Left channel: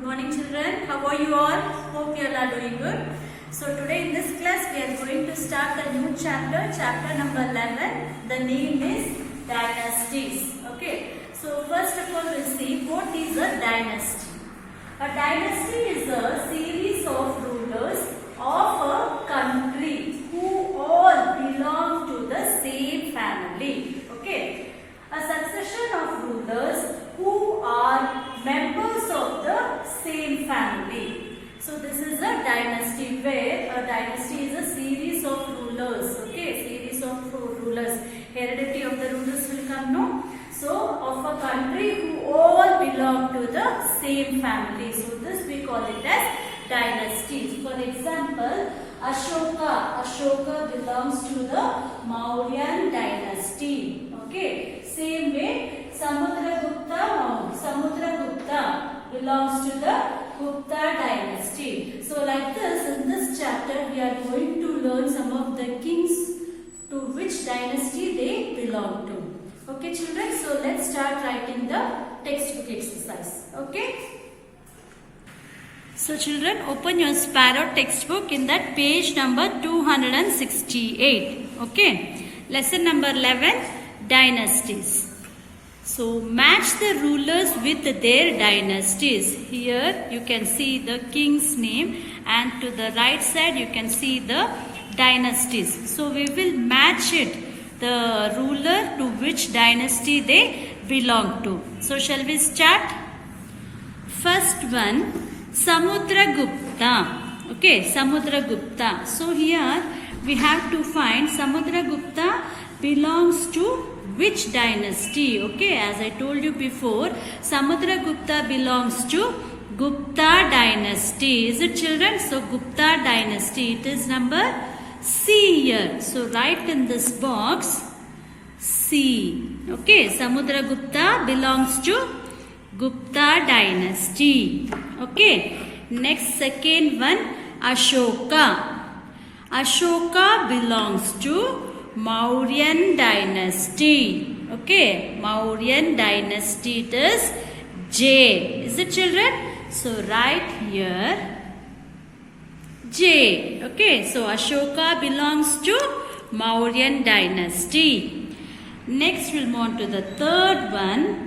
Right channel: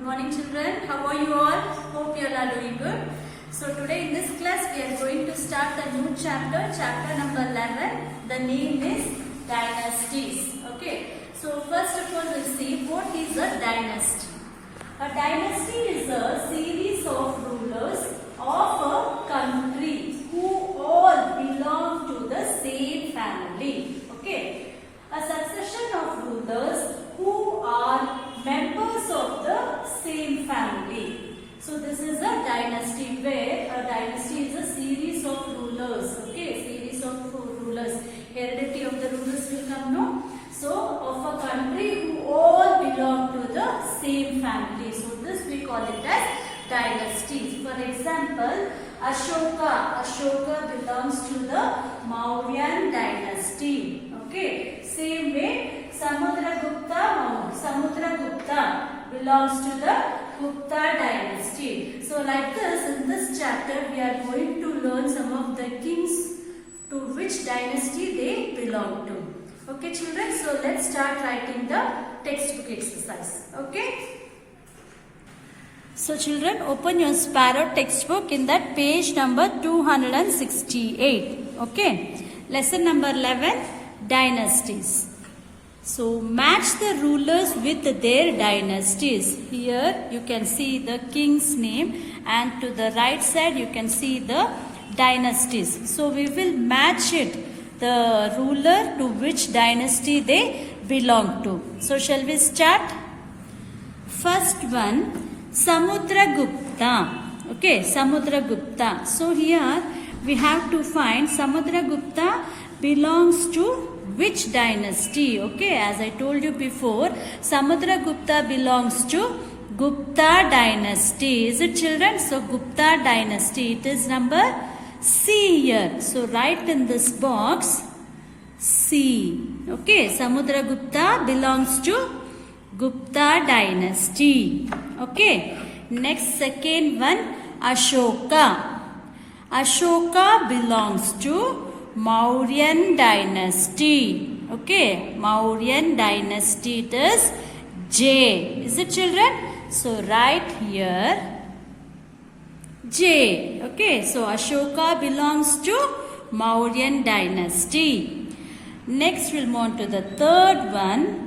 Good morning children. How are you all? Hope you all are doing good. So today in this class we are going to start a new chapter, chapter number 11. The name is Dynasties. Okay. So first of all we'll see what is a dynasty. A dynasty is a series of rulers of a country who all belong to the same family. Okay. A succession of rulers who are members of the same family. So this is a dynasty, where a dynasty is a series of rulers. Okay, series of rulers. Heredity of the rulers will come, no? So of a country who all belong to the same family. So this we call it as dynasties. For example, Ashoka belongs to the Mauryan dynasty. Okay. Same way, Samudragupta belongs to the Gupta dynasty. So like this, in this chapter we are going to learn some of the kings to which dynasty they belong to. Okay children, so let's start writing the textbook exercise. Okay. So children, open your Sparrow textbook in that page number 268. Okay. Lesson number 11. Dynasties. So match the rulers with their dynasties. Here you can see the king's name, and to the right side you can see the dynasties. So we will match it, the ruler to which dynasty they belong to. So shall we start? First one, Samudragupta. Okay, Samudragupta. So here we have to find Samudragupta belongs to which dynasty. Okay, as I told you before, Samudragupta belongs to Gupta dynasty. Is it children? So Gupta dynasty, it is number C here. So write in this box C. Okay, Samudragupta belongs to Gupta dynasty. Okay, next second one, Ashoka. Ashoka belongs to Mauryan dynasty. Okay, Mauryan dynasty, it is J. Is it children? So write here J. Okay, so Ashoka belongs to Mauryan dynasty. Next we'll move on to the third one,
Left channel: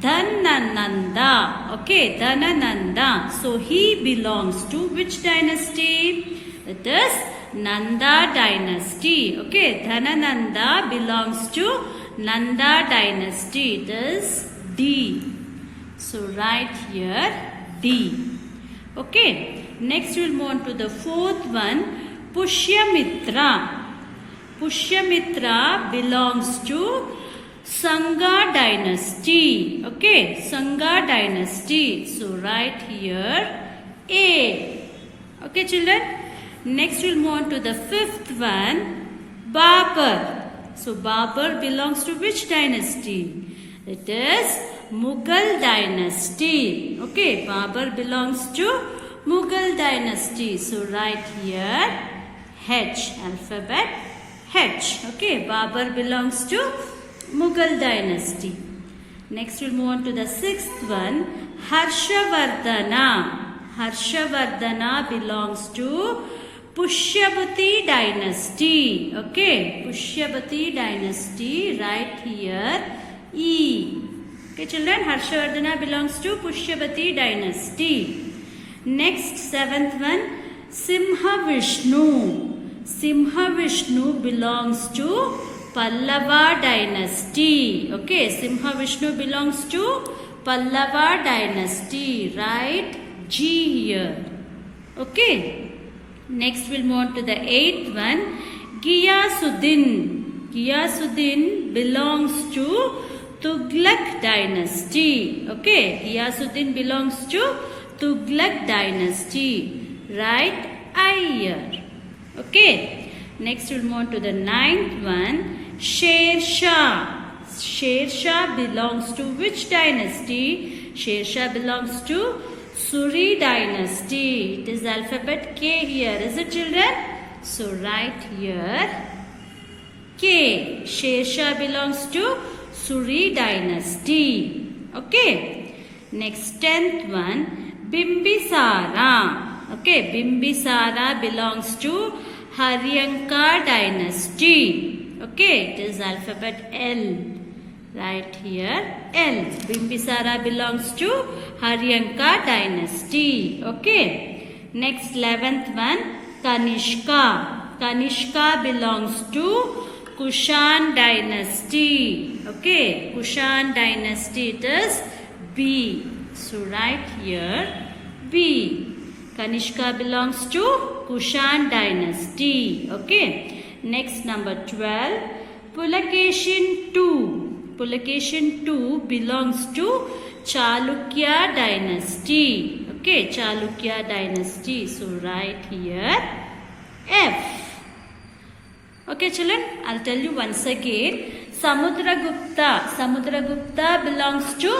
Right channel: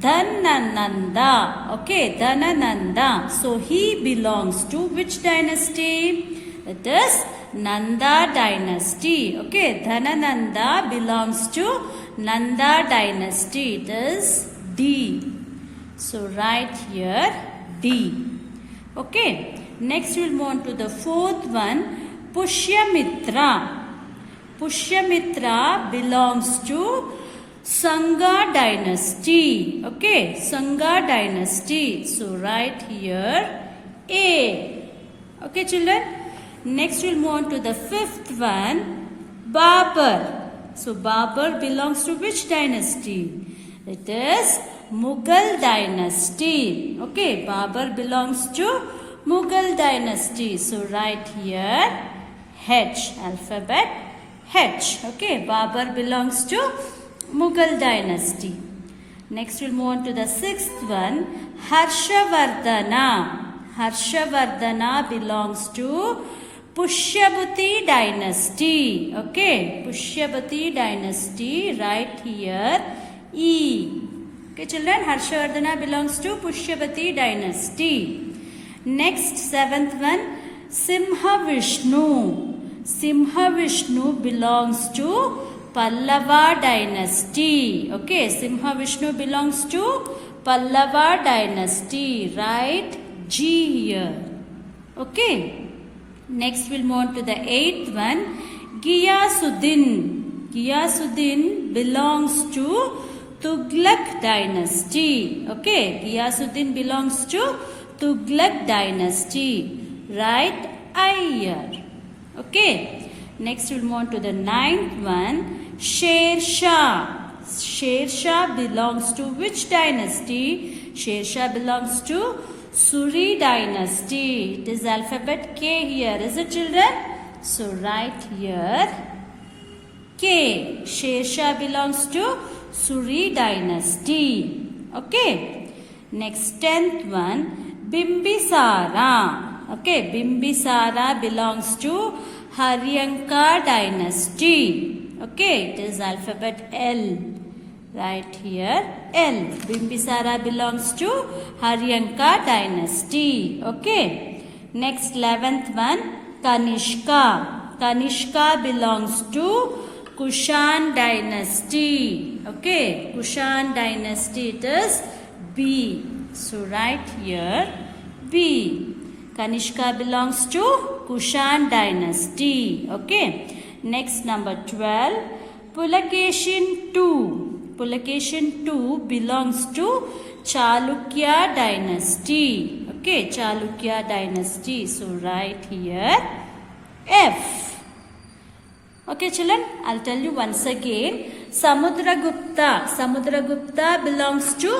Dhanananda. Okay, Dhanananda. So he belongs to which dynasty? It is Nanda dynasty. Okay, Dhanananda belongs to Nanda dynasty. It is D. So write here D. Okay, next we'll move on to the fourth one, Pushyamitra. Pushyamitra belongs to Sangha dynasty. Okay, Sangha dynasty. So write here A. Okay children. Next we'll move on to the fifth one, Babur. So Babur belongs to which dynasty? It is Mughal dynasty. Okay, Babur belongs to Mughal dynasty. So write here H, alphabet H. Okay, Babur belongs to Mughal dynasty. Next we'll move on to the sixth one, Harshavardhana. Harshavardhana belongs to Pushyavati dynasty. Okay, Pushyavati dynasty, write here E. Okay children, Harshavardhana belongs to Pushyavati dynasty. Next, seventh one, Simhavishnu. Simhavishnu belongs to Pallava dynasty. Okay, Simhavishnu belongs to Pallava dynasty. Write G here. Okay. Next we'll move on to the eighth one, Ghiyasuddin. Ghiyasuddin belongs to Tughlaq dynasty. Okay, Ghiyasuddin belongs to Tughlaq dynasty. Write I here. Okay. Next we'll move on to the ninth one, Sher Shah. Sher Shah belongs to which dynasty? Sher Shah belongs to Suri dynasty. It is alphabet K here. Is it children? So write here K. Sher Shah belongs to Suri dynasty. Okay. Next 10th one, Bimbisara. Okay, Bimbisara belongs to Haryanka dynasty. Okay, it is alphabet L. Right here, L. Bimbisara belongs to Haryanka dynasty. Okay. Next, 11th one, Kanishka. Kanishka belongs to Kushan dynasty. Okay, Kushan dynasty, it is B. So write here B. Kanishka belongs to Kushan dynasty. Okay. Next, number 12, Pulakeshin II. Pulakeshin II belongs to Chalukya dynasty. Okay, Chalukya dynasty. So write here F. Okay, children, I'll tell you once again. Samudragupta. Samudragupta belongs to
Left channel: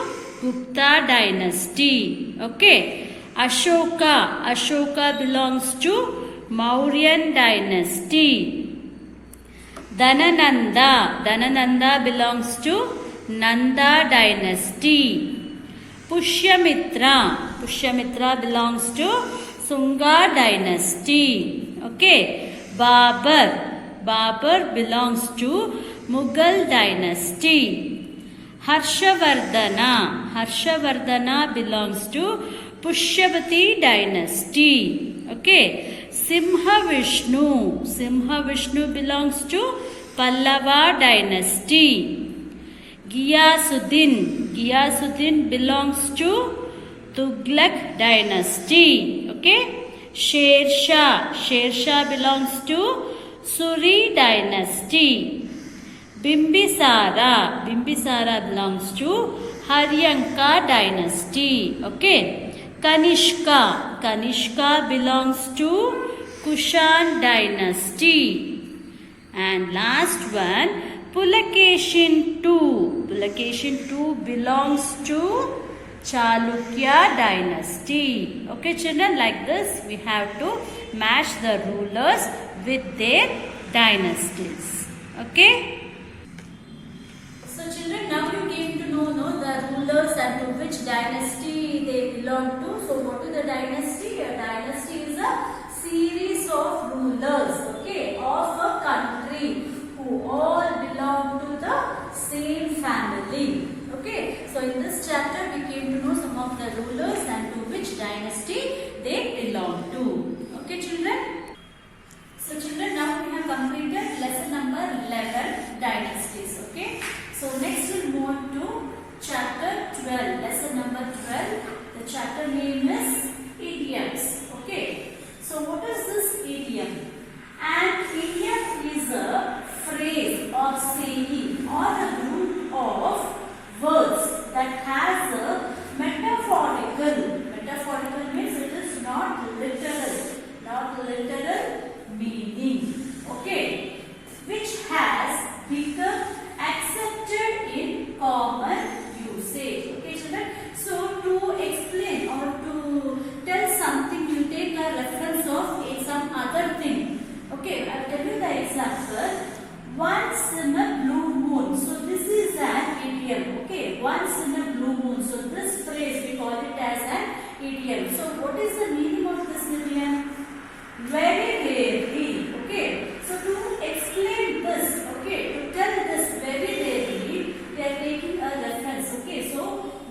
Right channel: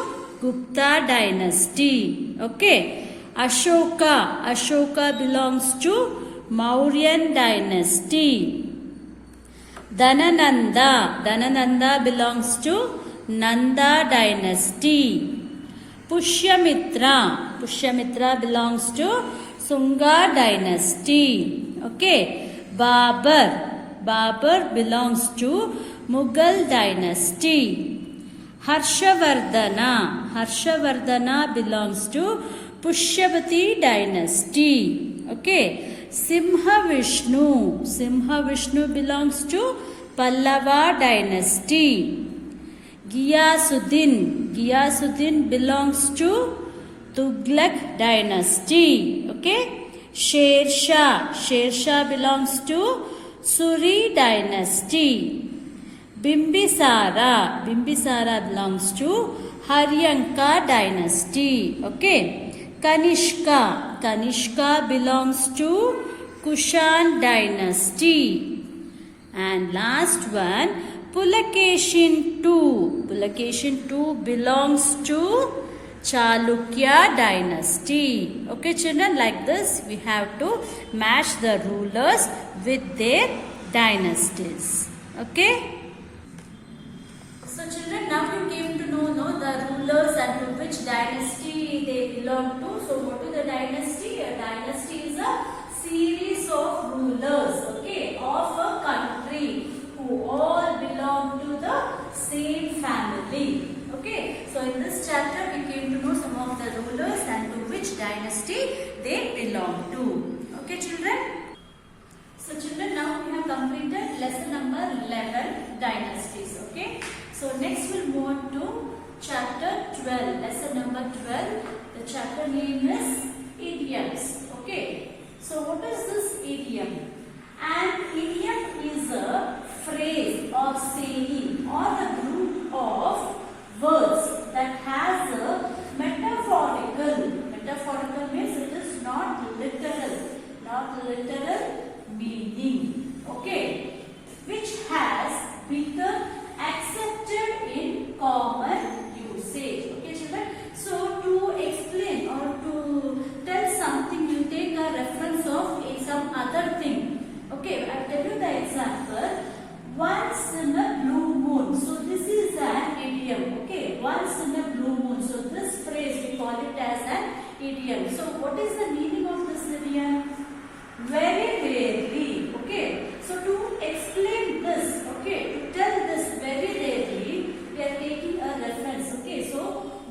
Gupta dynasty. Okay. Ashoka. Ashoka belongs to Mauryan dynasty. Dhanananda. Dhanananda belongs to Nanda dynasty. Pushyamitra. Pushyamitra belongs to Sunga dynasty. Okay. Babur. Babur belongs to Mughal dynasty. Harshavardhana. Harshavardhana belongs to Pushyavati dynasty. Okay. Simhavishnu. Simhavishnu belongs to Pallava dynasty. Ghiyasuddin. Ghiyasuddin belongs to Tughlaq dynasty. Okay. Shersha. Shersha belongs to Suri dynasty. Bimbisara. Bimbisara belongs to Haryanka dynasty. Okay. Kanishka. Kanishka belongs to Kushan dynasty. And last one, Pulakeshin II. Pulakeshin II belongs to Chalukya dynasty. Okay, children, like this we have to match the rulers with their dynasties. Okay. So children, now you came to know the rulers and to which dynasty they belong to. So what is a dynasty? A dynasty is a series of rulers, okay, of a country who all belong to the same family. Okay, so in this chapter we came to know some of the rulers and to which dynasty they belong to. Okay, children. So children, now we have completed lesson number 11, dynasties. Okay. So next we'll move on to chapter 12, lesson number 12. The chapter name is idioms. Okay. So what is this idiom? An idiom is a phrase or saying or a group of words that has a metaphorical means it is not literal meaning, okay, which has become accepted in common usage. Okay, children. So to explain or to tell something, you take a reference of some other thing. Okay, I will tell you the example. Once in a blue moon. So this is an idiom. Okay, once in a blue moon. So this phrase we call it as an idiom. So what is the meaning of this idiom? Very rarely. Okay. So to explain this, okay, to tell this very rarely, we are taking a reference. Okay. So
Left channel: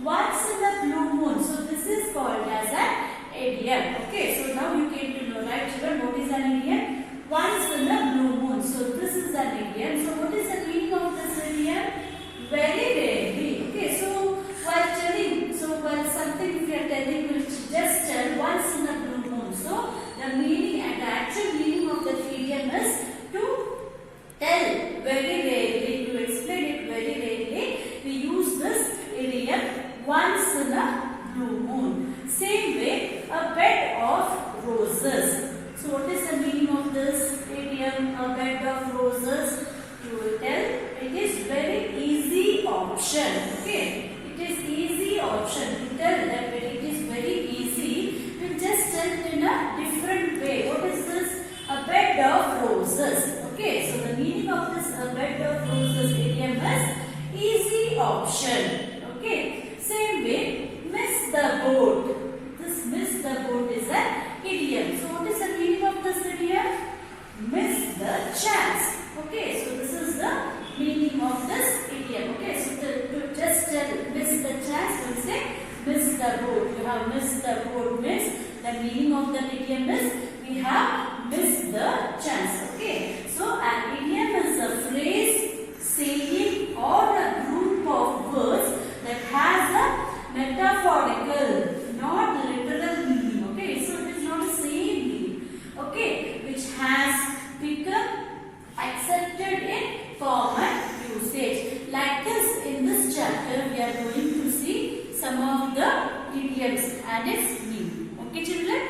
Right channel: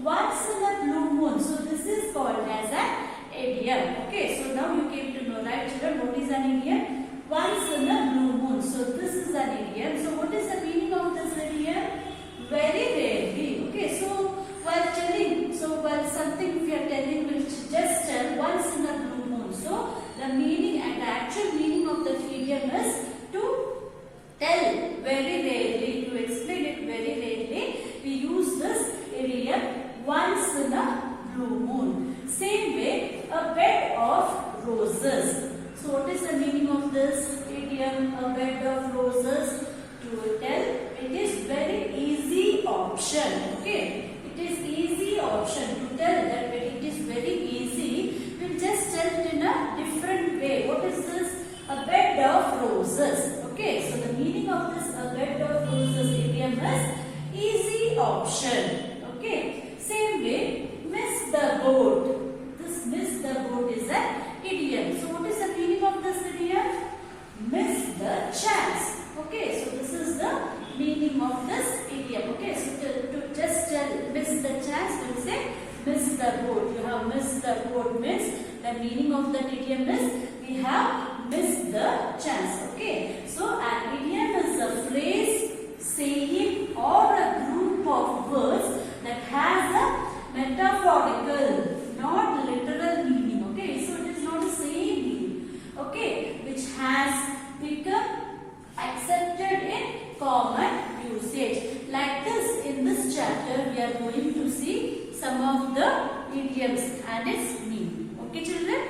once in a blue moon. So this is called as an idiom. Okay. So now you came to know, right, children, what is an idiom? Once in a blue moon. So this is an idiom. So what is the meaning of this idiom? Very rarely. Okay. So while something if you are telling, will just tell once in a blue moon. So the meaning and the actual meaning of the idiom is to tell very rarely, to explain it very rarely. We use this idiom once in a blue moon. Same way, a bed of roses. So what is the meaning of this idiom, a bed of roses? You will tell it is very easy option. Okay, it is easy option to tell that it is very easy. You just tell it in a different way. What is this? A bed of roses. Okay, so the meaning of this a bed of roses idiom is easy option. Okay, same way, miss the boat. This The meaning of that idiom is we have missed the chance. Okay. So an idiom is a phrase, saying, or a group of words that has a metaphorical, not literal meaning. Okay. So it is not a saying meaning. Okay. Which has become accepted in common usage. Like this, in this chapter, we are going to see some of the idioms and its meaning. Okay, children?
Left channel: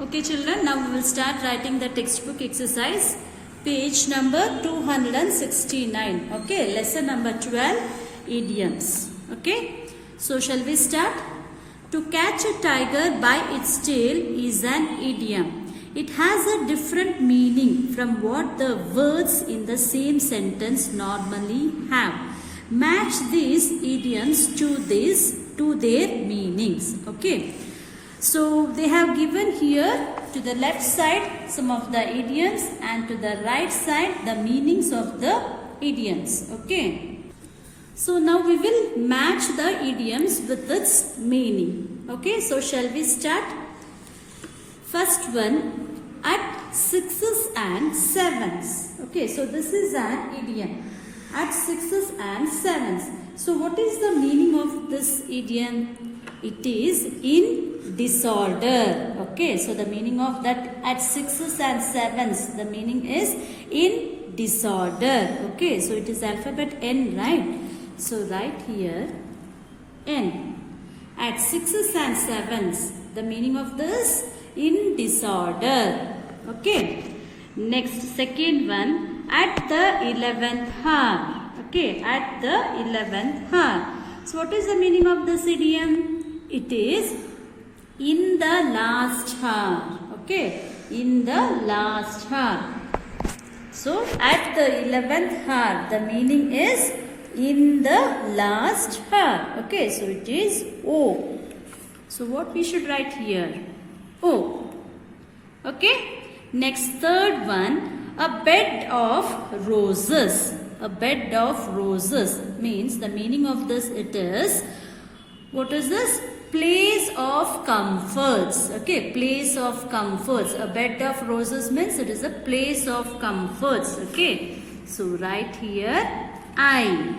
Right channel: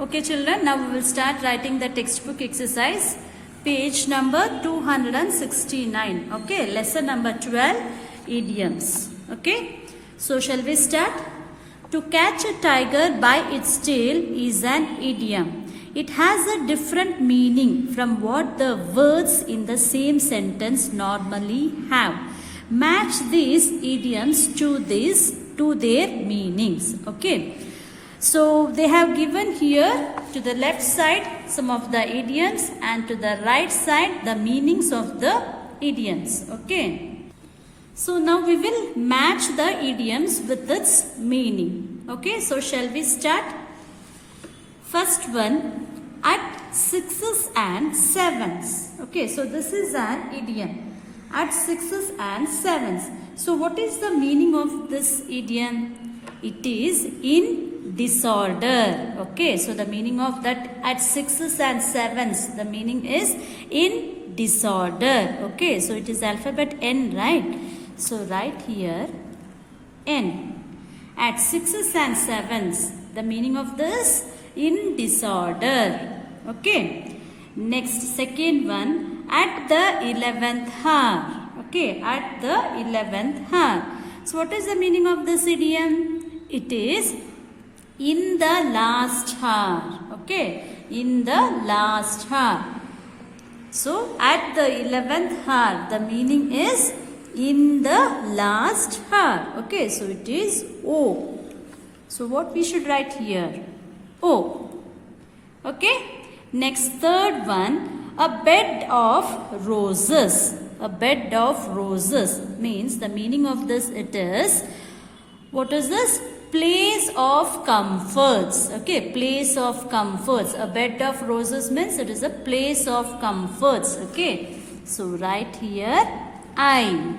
Okay, children, now we will start writing the textbook exercise. Page number 269. Okay, lesson number 12, idioms. Okay, so shall we start? To catch a tiger by its tail is an idiom. It has a different meaning from what the words in the same sentence normally have. Match these idioms to their meanings. Okay. So they have given here to the left side some of the idioms and to the right side the meanings of the idioms. Okay. So now we will match the idioms with its meaning. Okay. So shall we start? First one, at sixes and sevens. Okay, so this is an idiom. At sixes and sevens. So what is the meaning of this idiom? It is in disorder. Okay, so the meaning of that at sixes and sevens, the meaning is in disorder. Okay, so it is alphabet N, right? So write here N. At sixes and sevens, the meaning of this in disorder. Okay. Next, second one, at the 11th hour. Okay, at the 11th hour. So what is the meaning of this idiom? It is in the last hour. Okay, in the last hour. So at the 11th hour, the meaning is in the last hour. Okay, so it is O. So what we should write here? O. Okay. Next, third one, a bed of roses. A bed of roses means the meaning of this it is, what is this? Place of comforts. Okay, place of comforts. A bed of roses means it is a place of comforts. Okay, so write here I.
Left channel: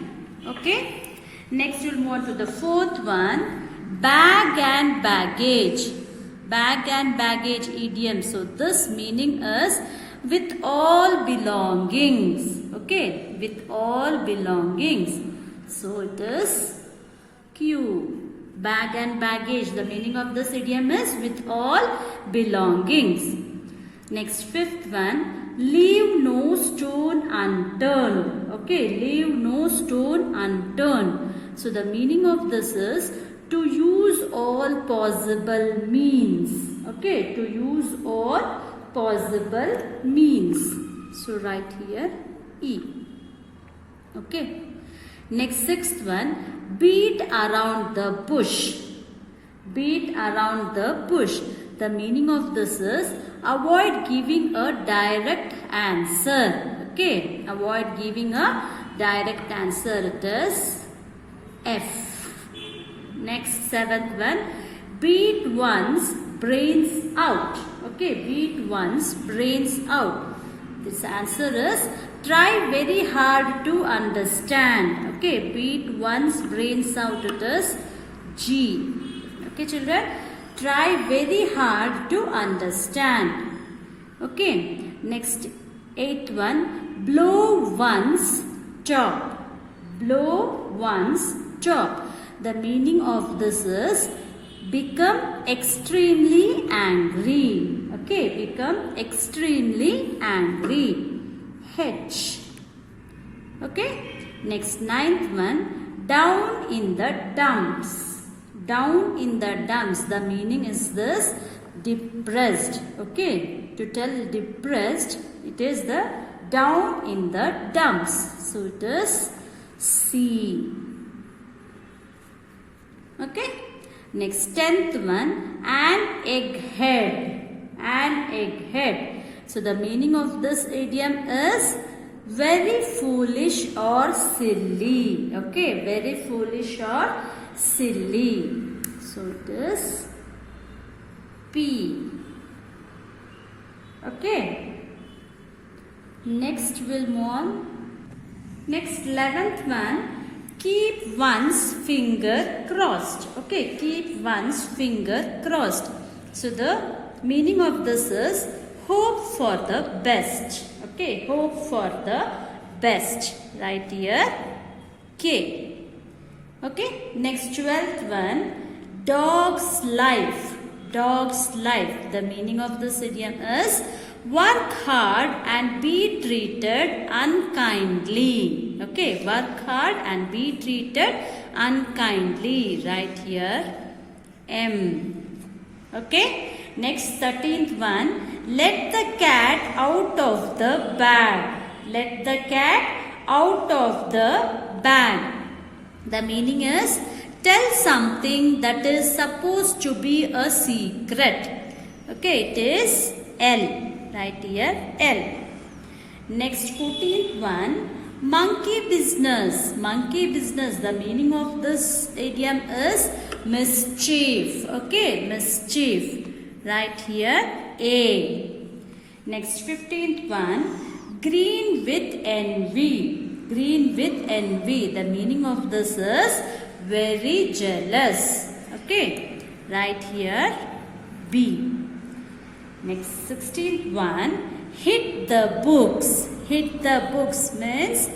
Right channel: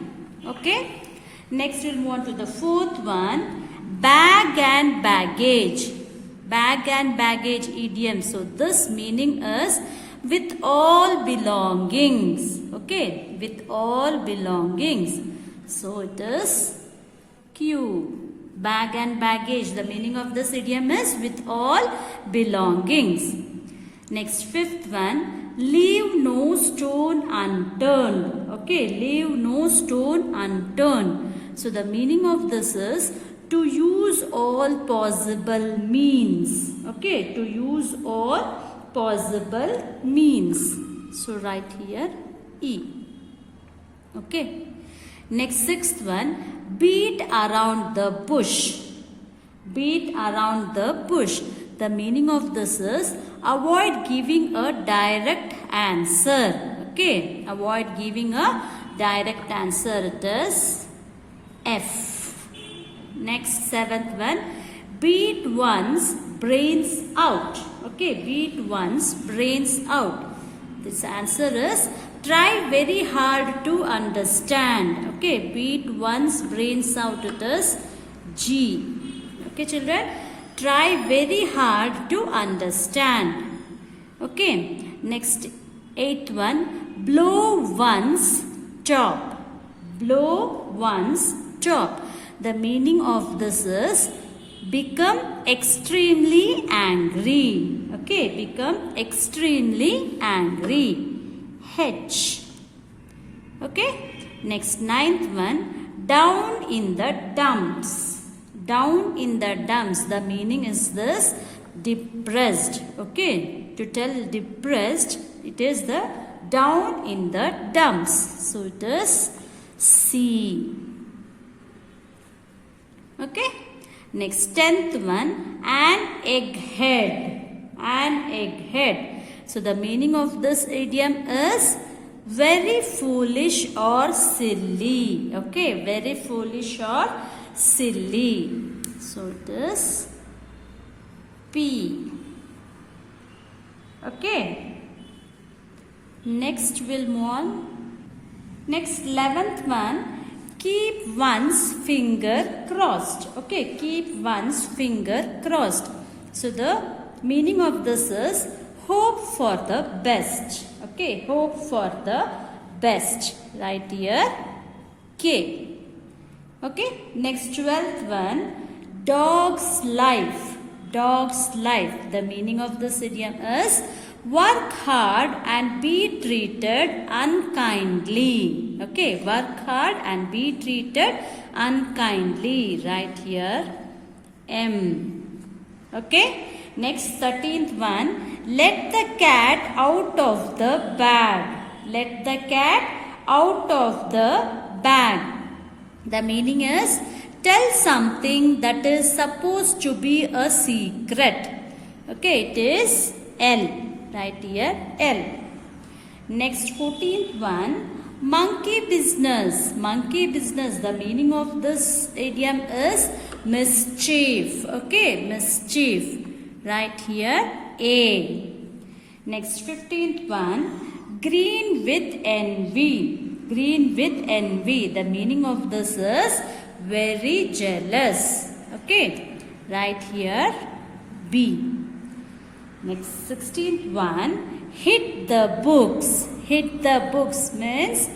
Okay. Next, we'll move on to the fourth one, bag and baggage. Bag and baggage idiom. So this meaning is with all belongings. Okay, with all belongings. So it is Q. Bag and baggage. The meaning of this idiom is with all belongings. Next, fifth one, leave no stone unturned. Okay, leave no stone unturned. So the meaning of this is to use all possible means. Okay, to use all possible means. So write here E. Okay. Next, sixth one, beat around the bush. Beat around the bush. The meaning of this is avoid giving a direct answer. Okay, avoid giving a direct answer. It is F. Next, seventh one, beat one's brains out. Okay, beat one's brains out. This answer is try very hard to understand. Okay, beat one's brains out. It is G. Okay, children, try very hard to understand. Okay, next, eighth one, blow one's top. Blow one's top. The meaning of this is become extremely angry. Okay, become extremely angry. H. Okay. Next, ninth one, down in the dumps. Down in the dumps. The meaning is this, depressed. Okay, to tell depressed, it is the down in the dumps. So it is C. Okay. Next, 10th one, an egghead. An egghead. So the meaning of this idiom is very foolish or silly. Okay, very foolish or silly. So it is P. Okay. Next we'll move on. Next 11th one. Keep one's finger crossed. Okay. Keep one's finger crossed. So the meaning of this is hope for the best. Okay. Hope for the best. Right here. K. Okay. Next 12th one. Dog's life. Dog's life. The meaning of this idiom is work hard and be treated unkindly. Okay, work hard and be treated unkindly. Right here, M. Okay, next 13th one. Let the cat out of the bag. Let the cat out of the bag. The meaning is tell something that is supposed to be a secret. Okay, it is L. Right here, L. Next 14th one. Monkey business. Monkey business. The meaning of this idiom is mischief. Okay, mischief. Right here, A. Next 15th one. Green with envy. Green with envy. The meaning of this is very jealous. Okay, right here, B. Next 16th one. Hit the books. Hit the books means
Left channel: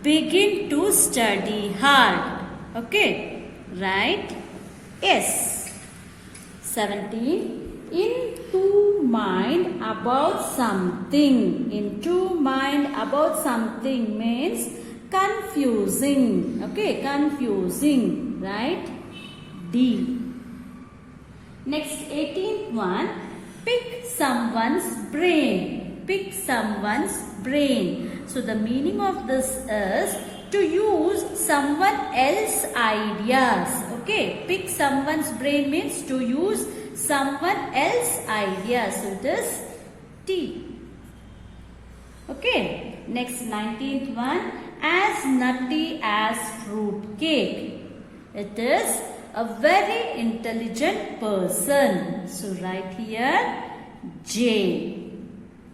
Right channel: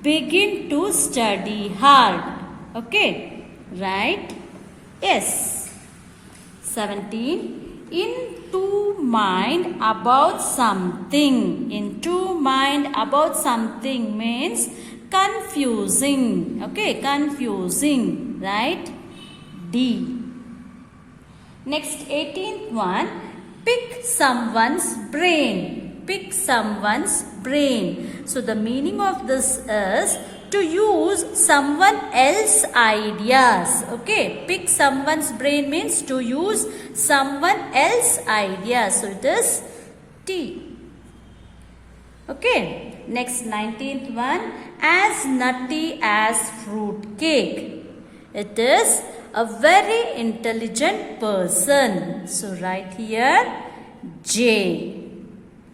begin to study hard. Okay, right? Yes. 17. Into mind about something. Into mind about something means confusing. Okay, confusing. Right? D. Next 18th one. Pick someone's brain. Pick someone's brain. So the meaning of this is to use someone else's ideas. Okay, pick someone's brain means to use someone else's ideas. So it is T. Okay, next 19th one. As nutty as fruit cake. It is a very intelligent person. So right here, J.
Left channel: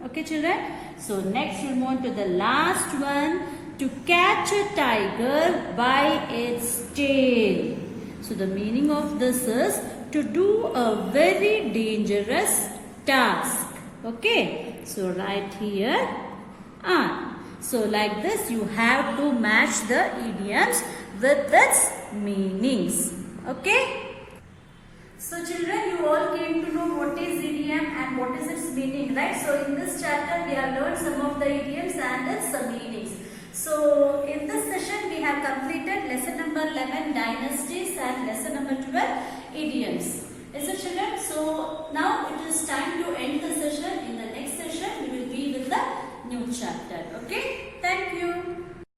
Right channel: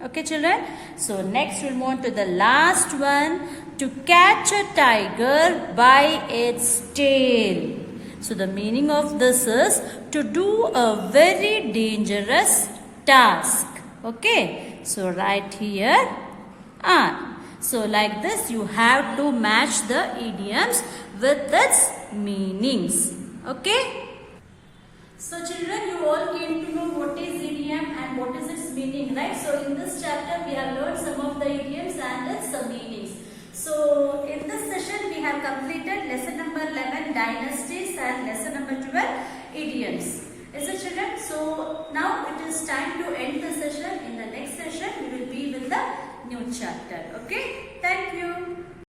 Okay, children. So next we'll move on to the last one. To catch a tiger by its tail. So the meaning of this is to do a very dangerous task. Okay. So right here, R. So like this you have to match the idioms with its meanings. Okay. So children, you all came to know what is idiom and what is its meaning, right? So in this chapter we have learned some of the idioms and its meanings. So in this session we have completed lesson number 11 dynasties and lesson number 12 idioms. Is it children? So now it is time to end the session. In the next session we will be with the new chapter. Okay. Thank you.